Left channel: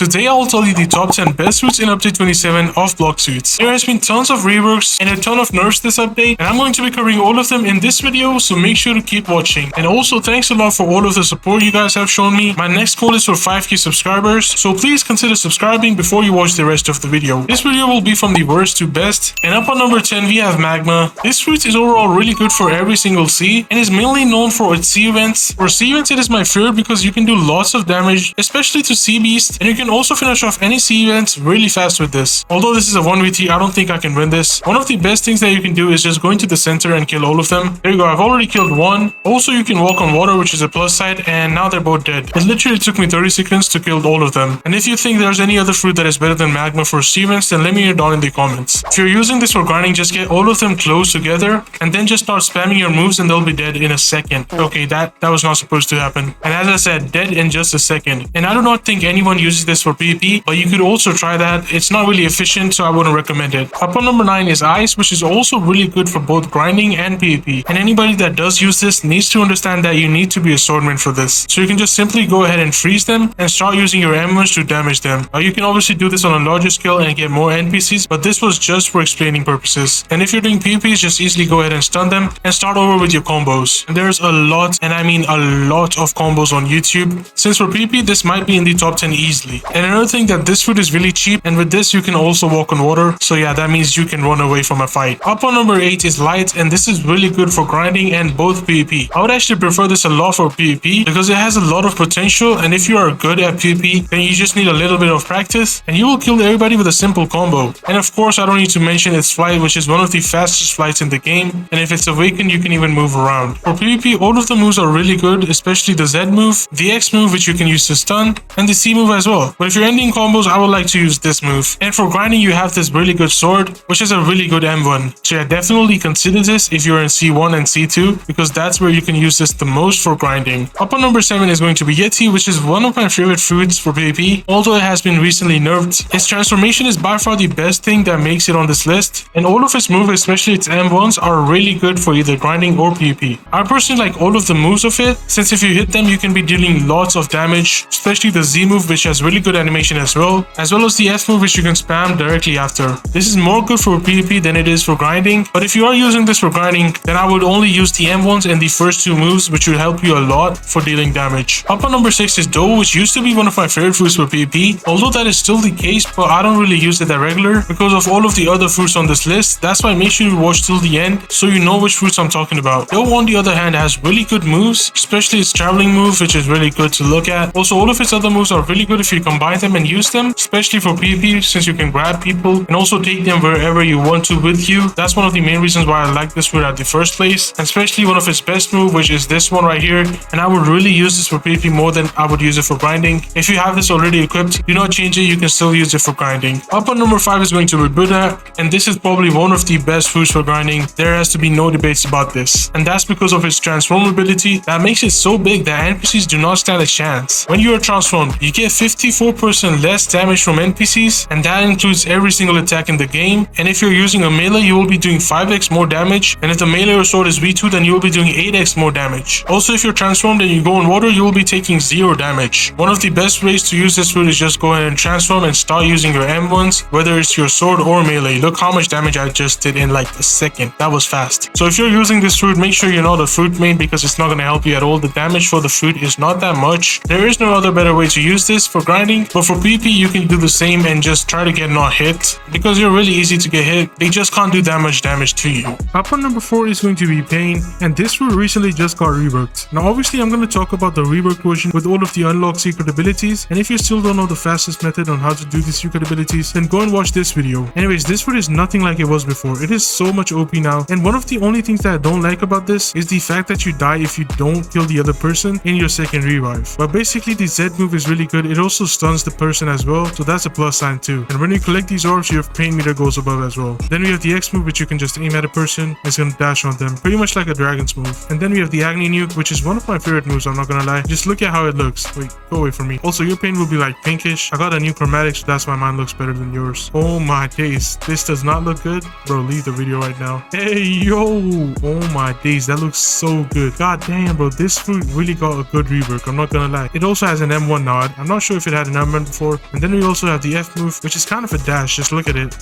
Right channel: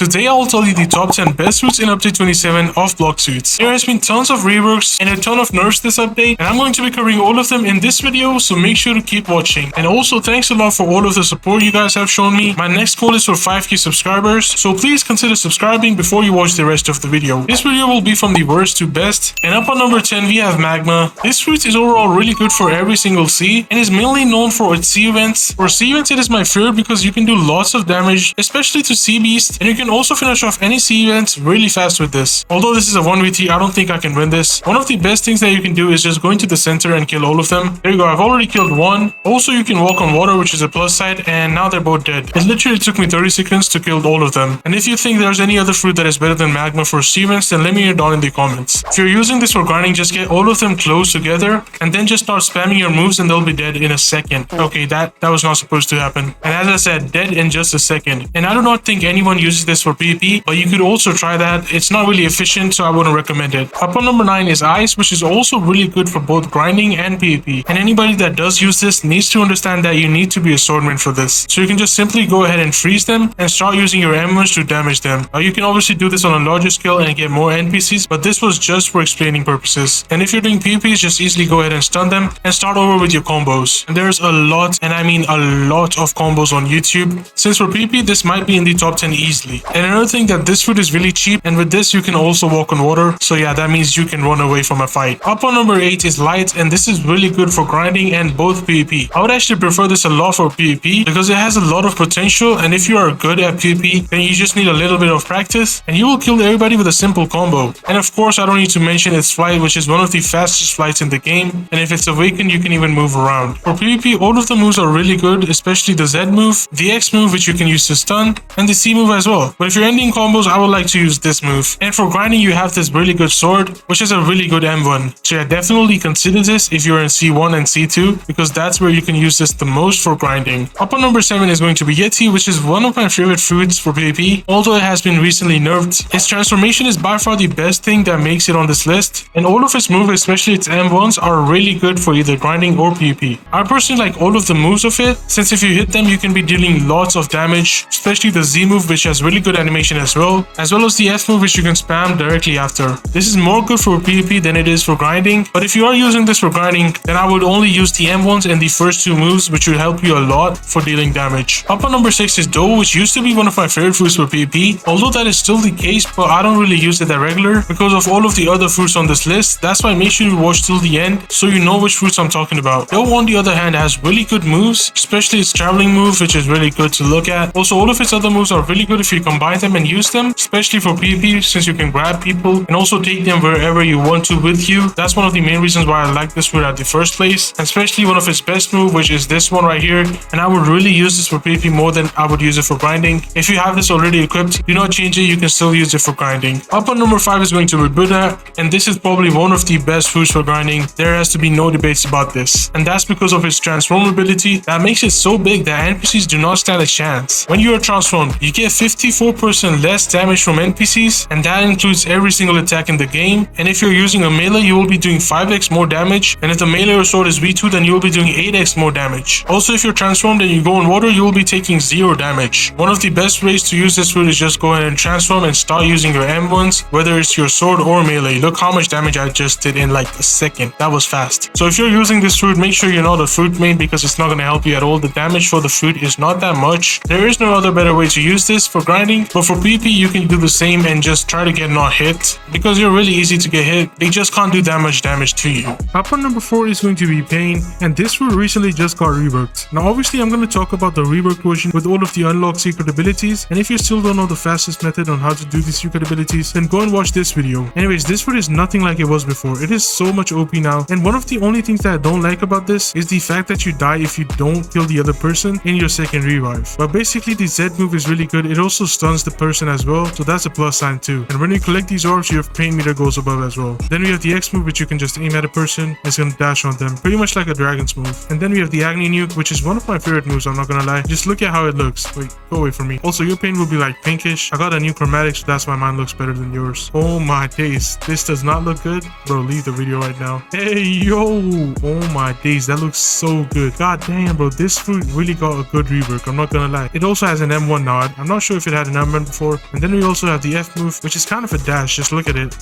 Today I will tell you the top 10 best suits in update 27 of Blox suits. There has been tons of reworks and a ton of nerfs this update, and I'm going to be covering all of them in this video, so make sure to keep watching. And also thanks a lot for all of the support you guys have shown me. My next goal is for 5k subscribers, so please consider subscribing before you watch the rest of the video. This video will be from the worst to best, and up on number 10 we have Magma. This suit is overall really good for every single sea, and is mainly known for its sea events. For sea events it is my favorite because you can do lots of damage, especially to sea beasts, and you can also finish off any sea events really fast with this. Although this is a 1v3, I don't think I can win this. One of the best things that you can do is just go into the center and kill all of them. There you go, I've already killed one. Also you can walk on water, which is a plus side, and now they're both dead. It literally took me 30 seconds to kill all of them. And if you think there's any other fruit that is better than Magma for sea events, then let me know down in the comments. If you're using this for grinding, just get all of them close together and then just start spamming your moves and they'll be dead in a second. Okay, that was not supposed to happen. And as I said, dead in just a second. And I do not think anyone uses this for PvP, but you could also try that. It's not really efficient, so I wouldn't recommend it. Up on number 9 is Ice, which is also really good for both grinding and PvP. And anybody that does use this needs to understand that you need to be a swordman for this. So you can just simply go ahead and freeze them and start using your M1s to damage them. You can obviously do this on a larger scale and get more NPCs, but this was just for explaining purposes. And if you're doing PvPs, just easily go ahead and stun them and start over with your combos. And there's a lot, and I mean a lot of combos on YouTube. Since for PvP, this might be in the top 10 easily. And another thing, that this food is really cheap, and with this you can also walk on water, so yeah, that means you can run away from a fight. Up on number 8 is Light, and this is really good for grinding and both PvP. I would actually prefer this a lot for PvP because it has a lot of potential, and if you are good at PvP, then you just need a little bit of practice and you will kill everybody with a simple combo. And of course, I don't need to mention its flight, which is one of the fastest flights in the game, and if it's awakened, you can even move around. For PvP, all of the moves are really good, especially the Z move, the X move, which you can use to stun, and the C move as well. But if you're ending combos, I would like to use this move. And for grinding, you have this really good sword, which is a really good M1. So yeah, definitely consider this if you're in C1 and C2, because that's where you can use this the most for grinding. Up on number 7 is going to be Yeti, which is one of my favorite foods for PvP, although it has been recently nerfed. Its transformation is by far the best thing that makes it on this list, and all of its moves, especially its M1s, are really good for either grinding or PvP. I personally like all of the moves of it, since if you hit them, you can be dealing lots of damage, especially the Z move, which has really good animation as well as the F move, which you can spam directly after. This is more good for PvP than it is for grinding, but if you are using this for grinding, then I would only use the M1s and the first two moves, which will help you a lot for dealing damage. Up on number 6 is Dough, which used to be one of my favorite foods for PvP, although that is still the case, but I don't really use it that regular because of all of the other fruits on this list. That's why make sure you watch till the end so you know which fruits I'm talking about. Dough, on the other hand, has really good moves, especially its traveling move, which is really good to look at. Also, all of its other moves are really good if you combine them and use them, especially for PvP, since you can grab people and also take them wherever you want to with you. That's one of the main reasons why I like this fruit at the first place, and especially one of its best moves, which is this one right here. And I would really use this for PvP more than I would use it for grinding. If you have this already equipped, do not change it, you can still use it for grinding. Up on number 5 is going to be Buddha, and this is probably one of the best fruits for grinding. There has to be no debates about this, and that's because of its transform ability that makes it so big that NPCs do not stand a chance. When you are transformed, you get 54% less damage from NPCs, and that includes every single attack in the game. And if you're using a melee, you will be doing 5x more damage, and if the melee or sword is V2, then you will be doing 8x more damage. Also, if you're transformed and you go in water, you will be taking 0 damage. One of the best ways to use this fruit is just go ahead and transform and start using your M1s, whether it's your sword or melee. Look how much damage I just did in like a second. That was fast. So if you're using this fruit, make sure you know the fruit main, because it's not going to help you at all. The damage for the fruit is not that much. There is no other better way to use this for grinding, but for PvP you can do the same and just try to get not hit, because you're really easy to get hit. They just can't do that much damage to you. Up on number 4 is going to be Pain, and this fruit recently just got reworked. Now obviously I'm going to talk about the rework version with all of the unlocked secret abilities, and if you still don't know the fastest method on how to do the secret abilities, then go and watch this video. Anyways, this fruit is nothing like it was before. It is so much OP now, and one of the only things that I don't like about this is the fact that you die if you don't kill the other person in your second revive. But basically the Z move is really good. It also stuns the person as well, so that's a plus sign too. And when you collect these orbs, your pain meter goes above as well. Then we have the X move, which you can just aim at a person, it's gonna dash on them, pretty much like a dragon's move. And then we have the Agni nuke, which is one of my favorite moves, I'm not gonna lie. Just look at how it looks. Wait, go away from me. Also, your pain will be like pinkish. I got a new chromatic, so that's why mine looks better than yours. Oh my days, this does not look good. Bro, leave the video right now. Hey yo, oh my days, that looks so good. God damn, bro, this fruit really got a good rework, I'm not gonna lie. It also has an M1 nod. I'm not sure if it had an armband before. And then we also have the F move, which is kind of a dash. Just look at it.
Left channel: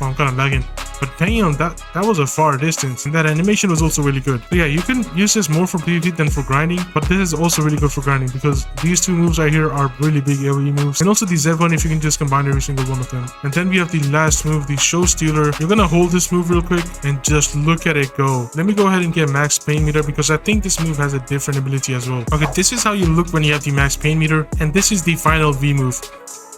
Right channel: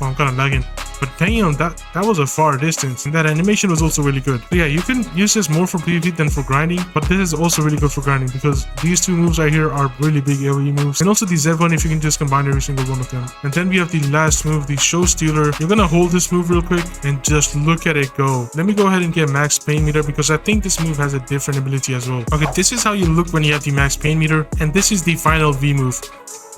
Oh, I'm kind of lagging. But damn, that was a far distance, and that animation was also really good. But yeah, you can use this more for PvP than for grinding, but this is also really good for grinding because these two moves right here are really big AoE moves. And also the Z one if you can just combine every single one of them. And then we have the last move, the Show Stealer. You're gonna hold this move real quick and just look at it go. Let me go ahead and get max pain meter because I think this move has a different ability as well. Okay, this is how you look when you have the max pain meter, and this is the final V move.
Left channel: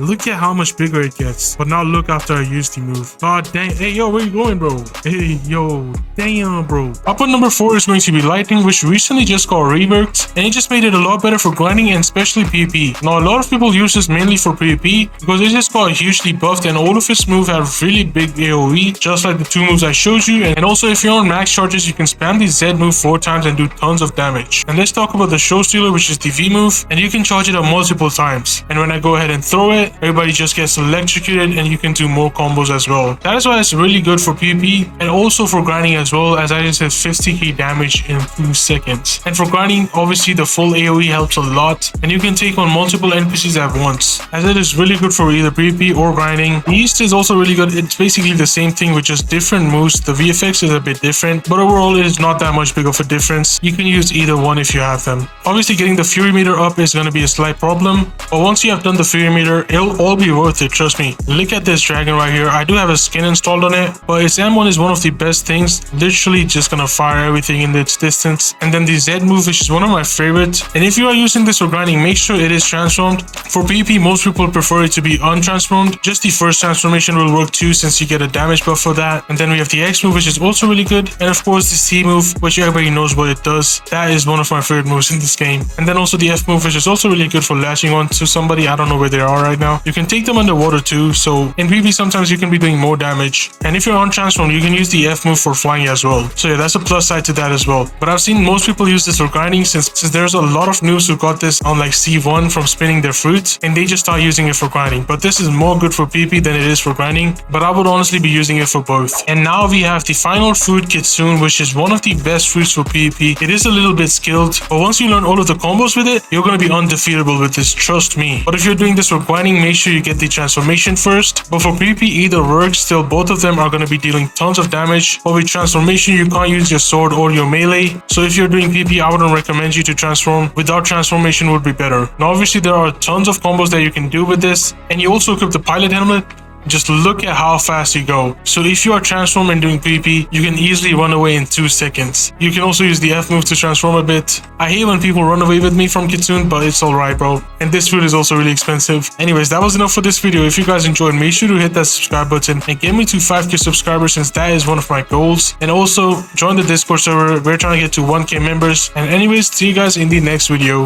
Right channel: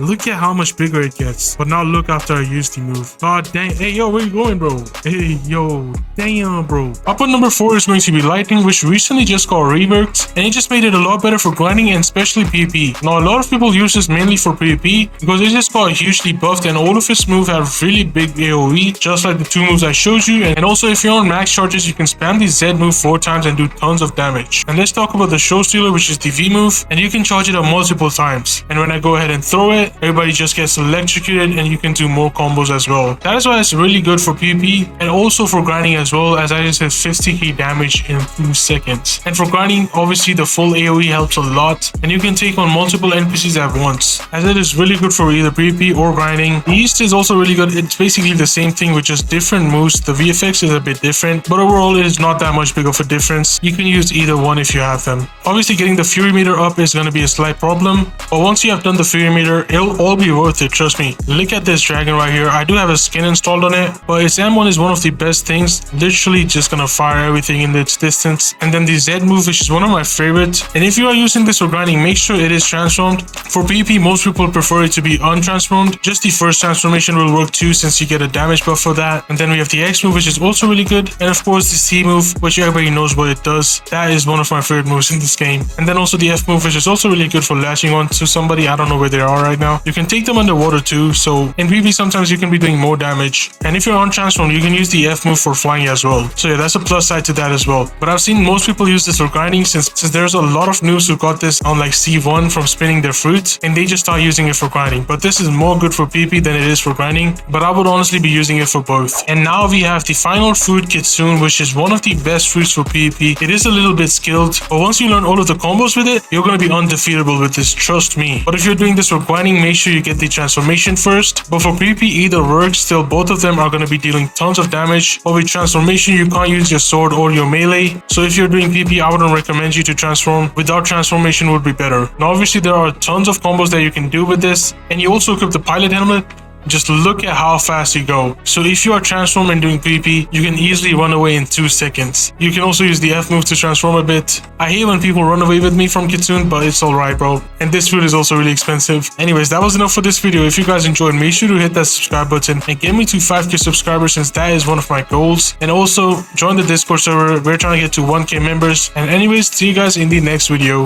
Look at how much bigger it gets. But now look after I use the move. God dang. Hey, yo, where you going, bro? Hey, yo. Damn, bro. Up on number 4 is going to be Lightning, which recently just got reworked. And it just made it a lot better for grinding and especially PvP. Now, a lot of people use this mainly for PvP because it just got hugely buffed and all of its moves have really big AoE, just like the two moves I showed you. And also, if you're on max charges, you can spam the Z move 4 times and do tons of damage. And let's talk about the Show Stealer, which is the V move. And you can charge it up multiple times. And when I go ahead and throw it, everybody just gets electrocuted and you can do more combos as well. That is why it's really good for PvP and also for grinding as well, as I just hit 50k damage in 2 seconds. And for grinding, obviously the full AoE helps a lot and you can take on multiple NPCs at once, as it is really good for either PvP or grinding. The East is also really good. It's basically the same thing with just different moves. The VFX is a bit different, but overall it is not that much big of a difference. You can use either one if you have them. Obviously getting the Fury meter up is going to be a slight problem, but once you have done the Fury meter, it'll all be worth it, trust me. Look at this dragon right here. I do have a skin installed on it, but its M1 is one of the best things. Literally just gonna fire everything in its distance. And then the Z move, which is one of my favorites. And if you are using this for grinding, make sure it is transformed. For PvP, most people prefer it to be untransformed. Just the first transformation will work too, since you get a damage buff for that. And then we have the X move, which is also really good. And of course the C move, which everybody knows what it does. That is one of my favorite moves in this game. And then also the F move, which is also really good for lashing on to somebody. I don't know where they are right now. You can take them underwater too, so in PvP sometimes you can be doing more damage. And if you're on transform, you can use the F move for flying as well. So yeah, that's a plus side to that as well. But I've seen most people use this for grinding since there's a lot of noobs who got this on like C1 from spinning their fruits and they just start using it for grinding. But this is more good for PvP than it is for grinding, but I would honestly be using it for both. And now we have the final fruit, Kitsune, which is one of the best fruits for PvP. It is a little bit skilled, but once you learn all of the combos with it, you're going to be undefeatable with this, trust me. But if you're doing this for grinding, make sure you get the transformation first. But for PvP, either works. Still, both of them are going to be dealing tons of damage. But with transformation, you can't use your sword or your melee. So if you're doing PvP, I wouldn't recommend you to transform. Without transformation would be better. Now obviously there are tons of combos that you can do with this, and you also equip the pilot helmet. Just look at how fast you go. So if you are transformed and doing PvP, you can easily run away in 2 seconds. You can also use the F move to transform a bit. I hate when people run away with me from Kitsune, but it's alright, bro. And this food is also really expensive. Anyways, that was enough for this video. If you guys enjoyed, make sure to hit that subscribe button and get me to 5k subscribers, since that is one of my goals. And also join the Discord server. We're trying to get to 1k members. And anyways, see you guys in the next video.